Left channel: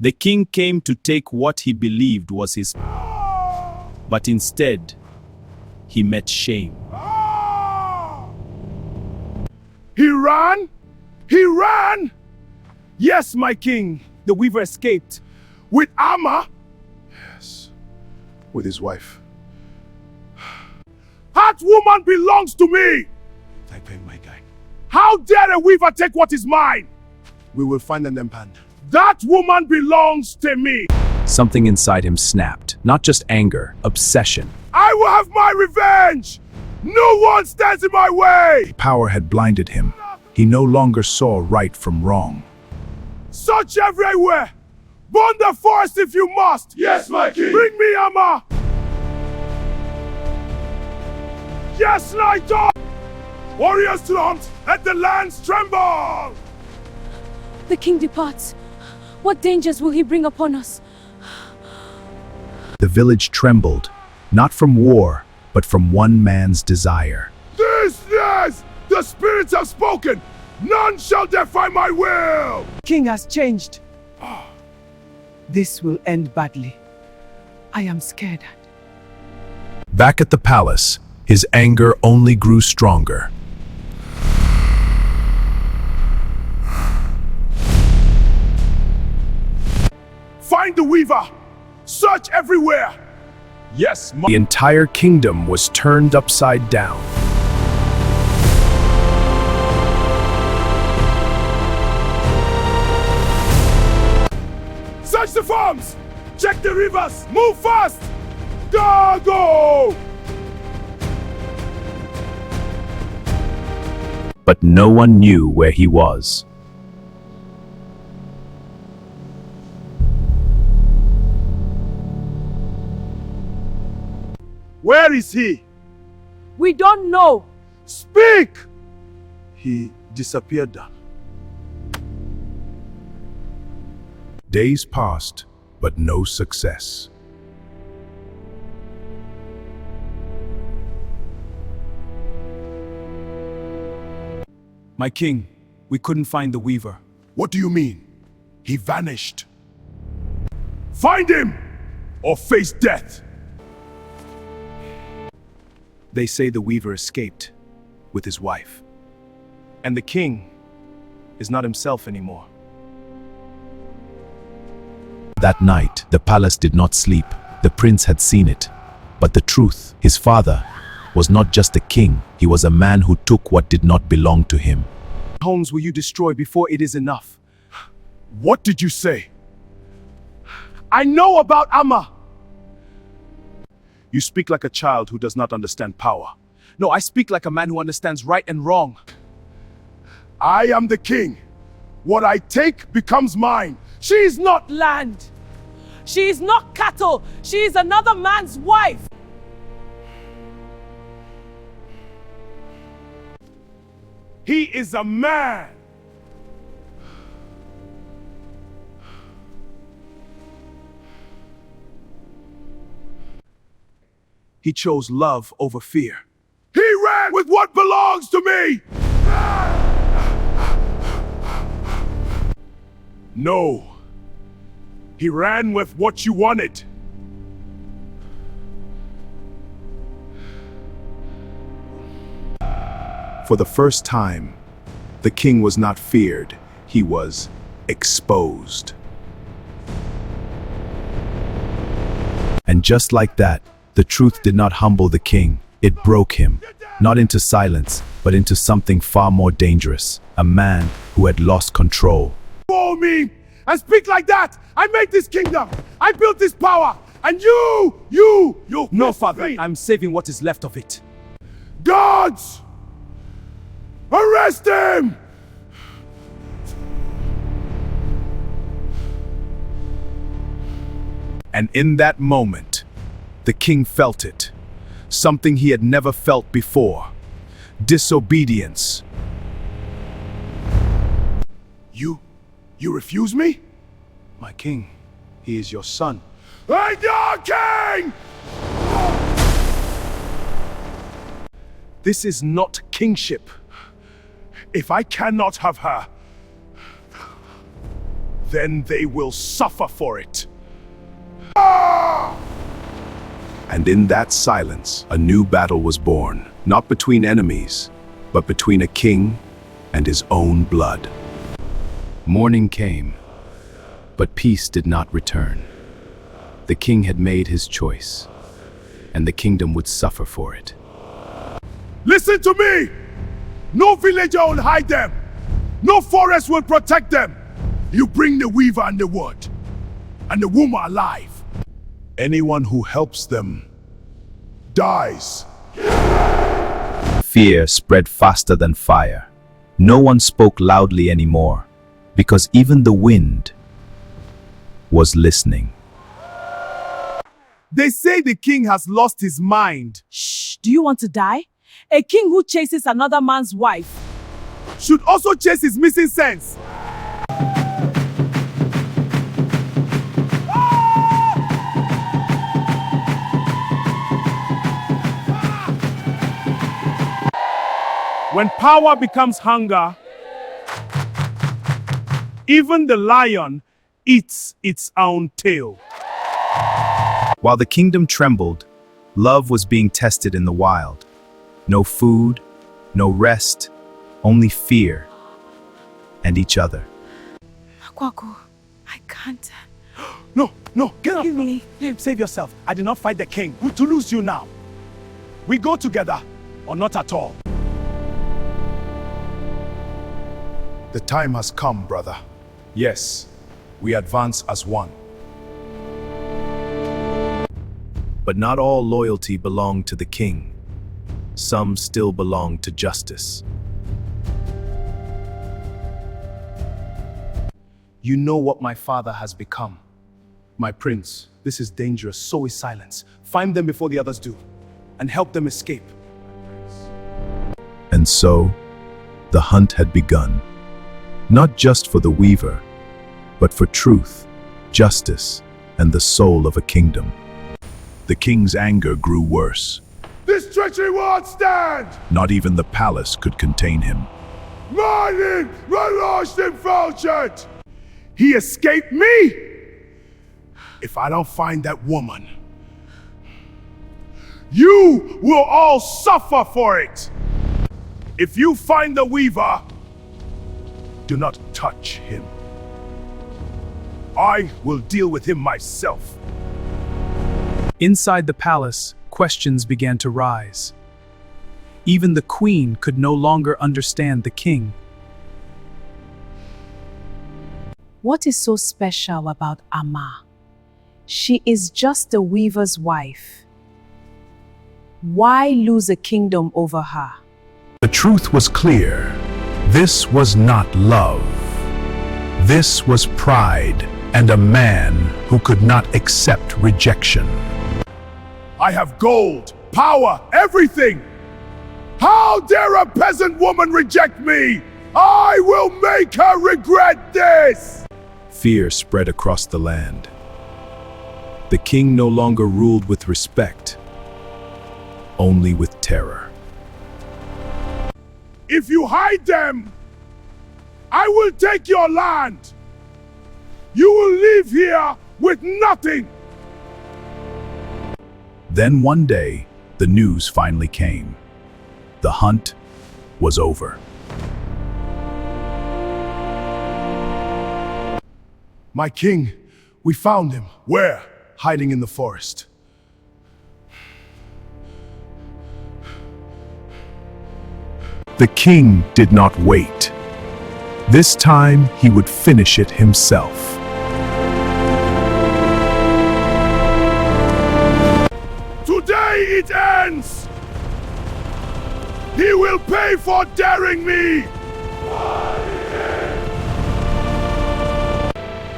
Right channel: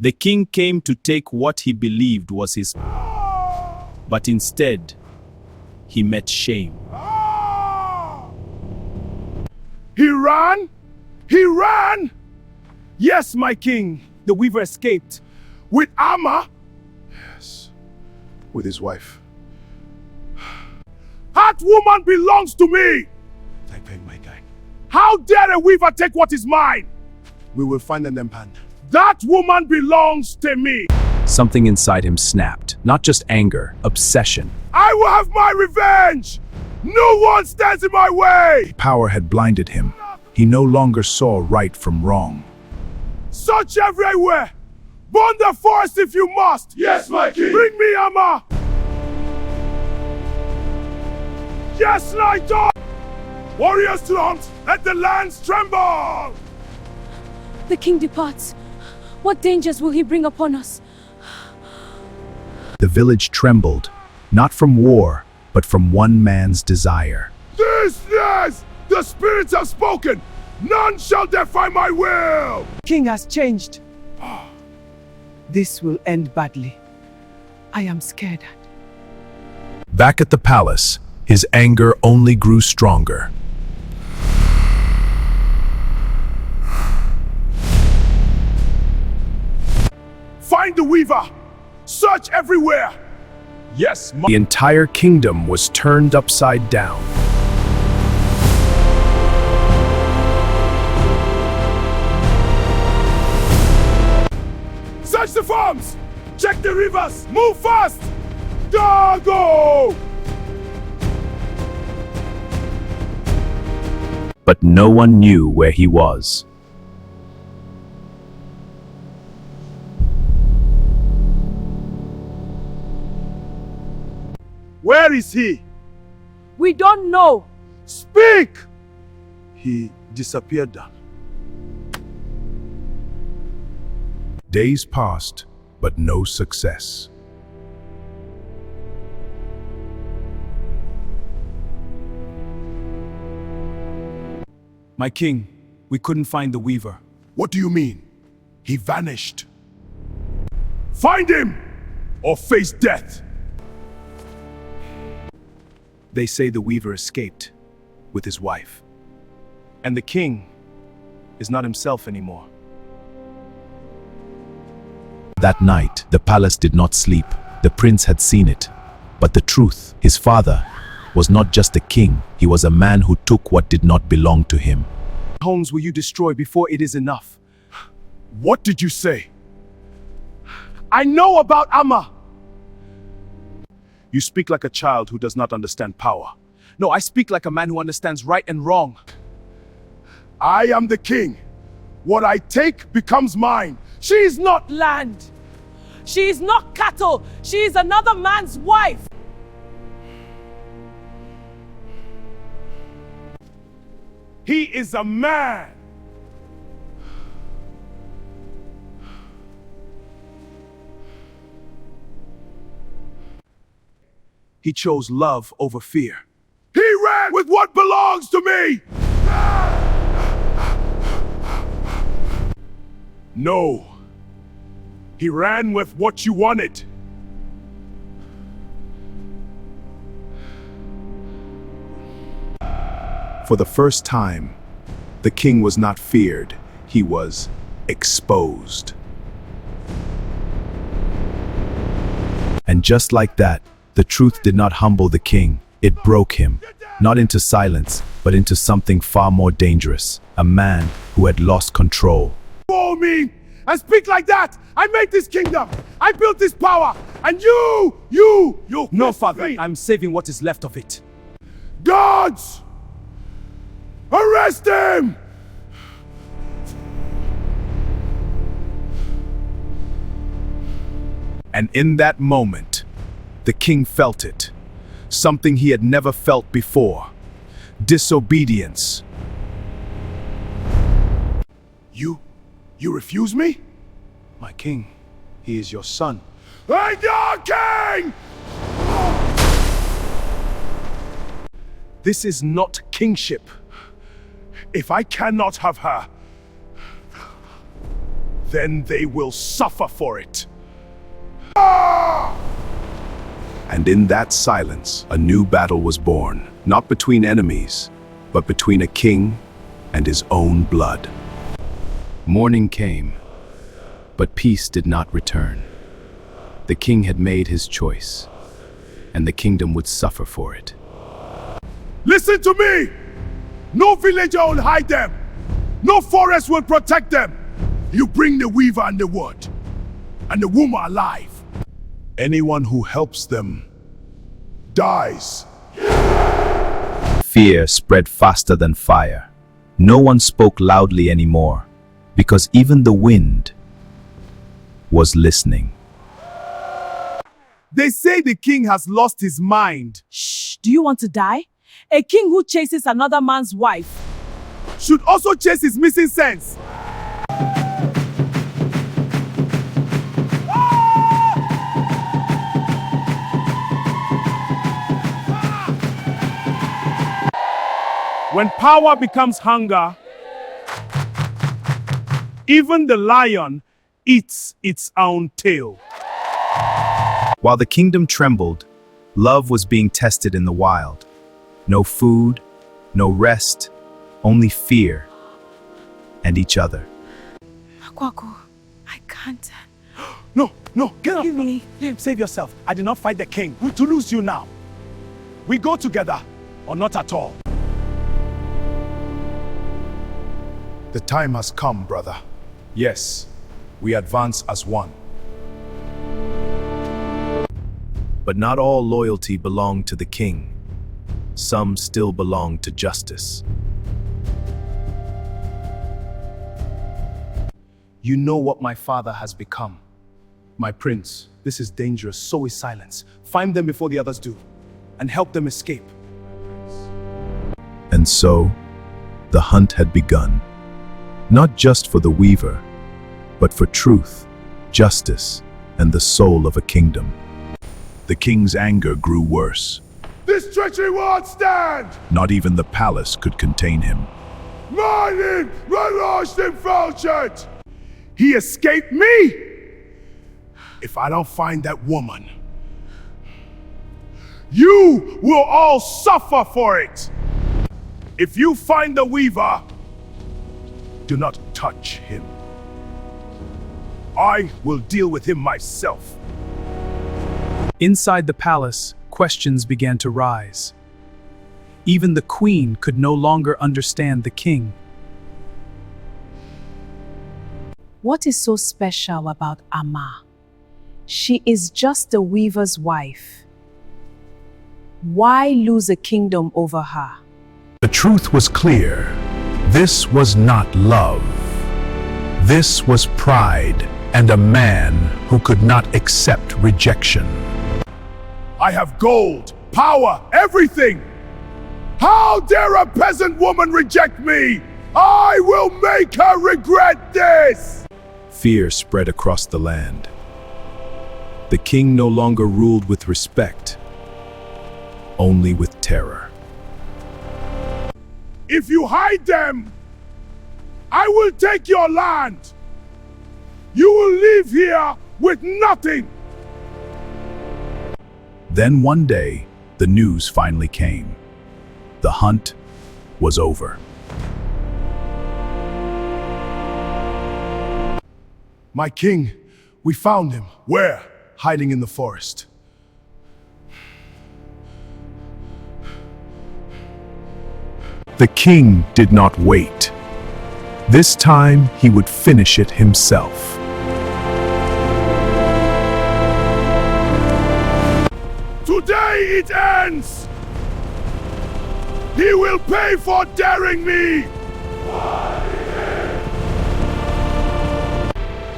The king came to take what he believed was his, but instead, he met shame. He ran? He ran? Yes, my king. The weaver escaped. With Amma? Yes, with his wife. That woman belongs to me! I pay my guy. How dare a weaver take what is mine? We will find an empan. That woman belongs to me! Something inside him snapped. Not just anger, obsession. I will have my revenge! No one stands in my way! Power had blinded him. He no longer saw right from wrong. Search everywhere! Burn the forest if you must! Yes, my king! Bring me Amma! Yes, Naito! Warriors to the hunt! Let the lands tremble! The king departs. What dangers will he bring upon us? The village trembled, not from war, but from one man's desire. This is! The spirits have spoken! None shall defy my will! King has changed. This will end badly. I am scared. Back at the palace, his anger only grew stronger. Find the weaver! Search everywhere! Yes, The entire kingdom was turned upside down. Search the farms! Check the rivers! Move fast! Go! But no one knew where he was. Where is he? We don't know. Speak! He disappeared. Days passed, but no success. My king, we couldn't find the weaver. What do you mean? He vanished. Find him! Or face death! They say the weaver escaped with his wife. And the king is not himself anymore. That night, the palace did not sleep. The prince had seen it. But the truth, his father, was not just a king. He was a man who took what did not belong to him. Homes will you destroy before it is enough? What did you say? I know about Amma! You speak like a child who does not understand power. No, I speak like a man who understands right and wrong. I am the king. What I take becomes mine. She is not land. She is not cattle. She is another man's wife. He is a man. He chose love over fear. He ran with what belongs to me! No. He ran with what you wanted. For the first time, the king was not feared. He was exposed. And just like that, the truth did not humble the king. It broke him, not into silence, but into something far more dangerous. A man who had lost control. For me and speak like that! I made this kingdom! I built this power! And you! No, father. I'm saving what is left of it. Guards! Arrest him! And in that moment, the king felt it. Something he had never felt before. Disobedience. You refuse me? My king, he is your son. I'm your king! This is not kingship. If I cannot have her, then they will suffer for it. And in that silence, a new battle was born, not between enemies, but between a king and his own blood. Morning came, but peace did not return. The king had made his choice, and the kingdom would suffer for it. Listen to me! No villager will hide them. No forest will protect them. You bring the weaver and the wood, and the woman alive. Anyone who helps them dies. Fear spread faster than fire. No one spoke loudly anymore, because even the wind was listening. They say the king has lost his mind. Shh, do you want to die? A king who chases another man's wife Should also chase his missing sense. When power becomes hunger, even the lion eats its own tail. While the kingdom trembled, love was being tested in the wild. No food, no rest, only fear and each other. Kwaku, I can't. No, get up. Give me. Save yourself. I did not fight the king to lose you now. We go together or not at all. The time has come, brother. Yes, we advance as one. But not all loyalty belonged to the king. Some still belonged to justice. You know what my father has become. My prince, this is dangerous, so is silence. Find them before the others do, and help them escape. And so, the hunt had begun. Not just for the weaver, but for truth, justice, and the soul of a kingdom. The king's anger grew worse. This treachery won't stand! Not even the palace could contain him. Meinen relaucht im Feldschirm! He escaped me! If I don't find that woman, you will all suffer for it! If you find the weaver, do not touch him. I will deal with him myself. Inside the palace, questions began to rise. Even the queen could no longer understand the king. What is so special about Amma? She is just a weaver's wife. Why lose a kingdom over her? The truth was clear. This was not love. This was pride and a man who could not accept rejection. I have gold, power, everything! How dare a peasant woman reject me? I will make her regret this! Fear spread across the land. The king no longer ruled with respect, only with terror. If you hide them, I will take your land. You will live here with nothing. Then one day, the news finally came. The hunt was over. My king, we found him. Where? Hiding in the forest. The king did not wait. This time, he would finish it himself. Today it ends! He will pay for daring me!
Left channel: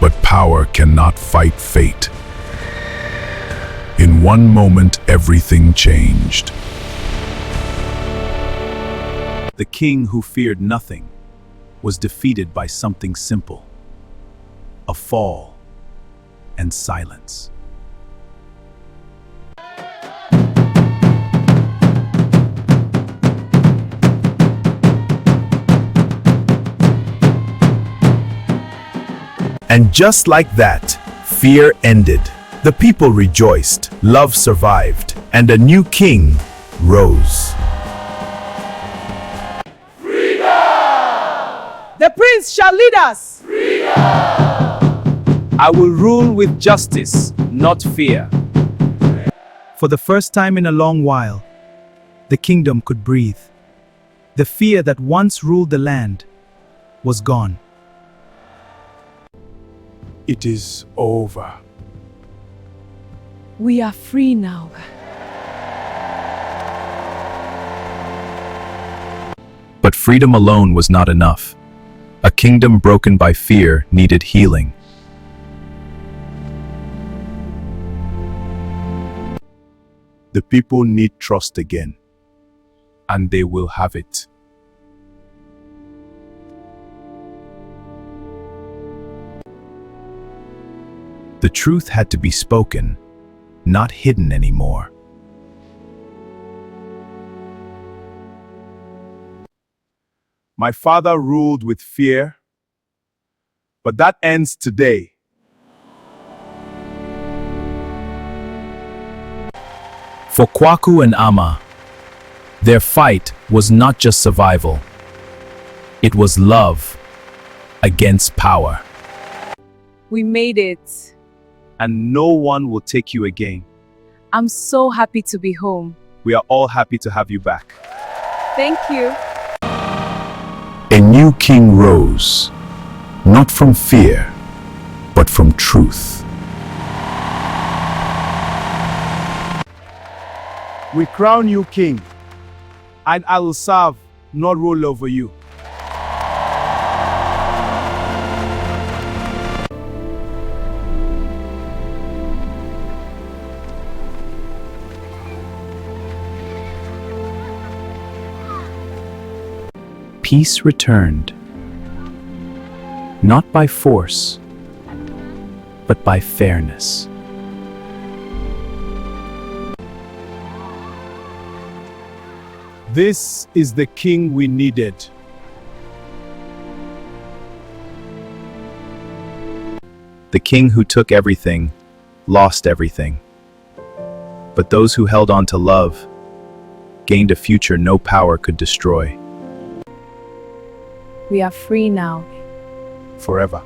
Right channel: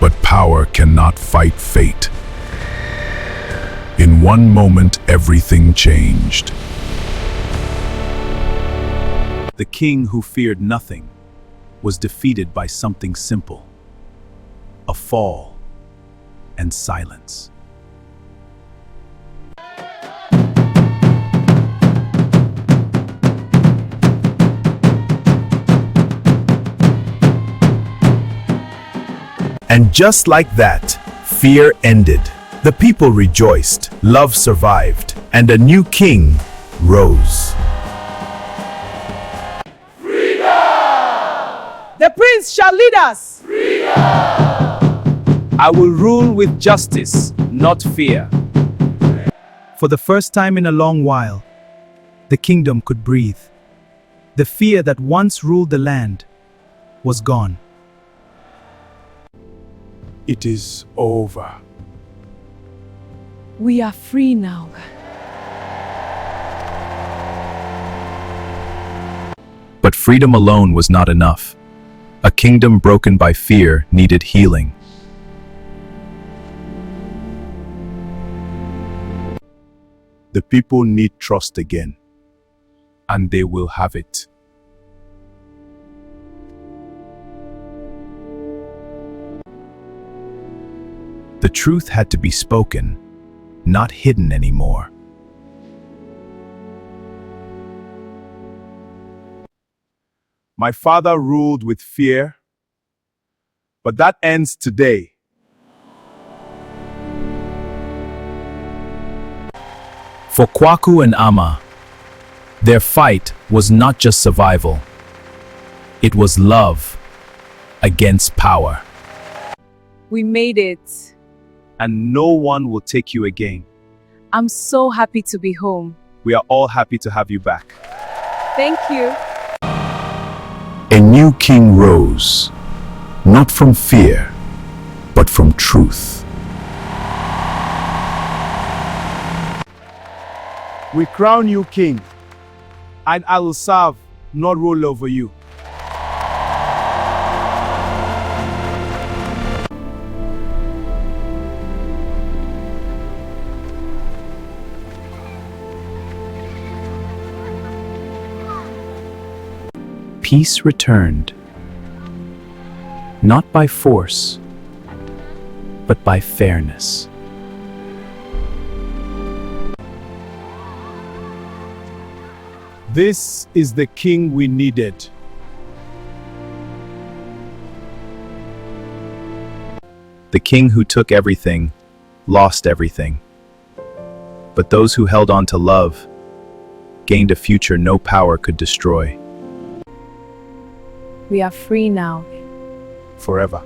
But power cannot fight fate. In one moment, everything changed. The king who feared nothing was defeated by something simple: a fall and silence. And just like that, fear ended. The people rejoiced, love survived, and a new king rose. The prince shall lead us. I will rule with justice, not fear. For the first time in a long while, the kingdom could breathe. The fear that once ruled the land was gone. It is over. We are free now. But freedom alone was not enough. A kingdom broken by fear needed healing. The people need trust again, and they will have it. The truth had to be spoken, not hidden anymore. My father ruled with fear, but that ends today. For Kwaku and Ama, their fight was not just survival. It was love against power. We made it. And no one will take you again. I'm so happy to be home. We are all happy to have you back. Thank you. A new king rose, not from fear, but from truth. We crown you king, and I will serve, not rule over you. Peace returned, not by force, but by fairness. This is the king we needed. The king who took everything, lost everything. But those who held on to love gained a future no power could destroy. We are free now. Forever.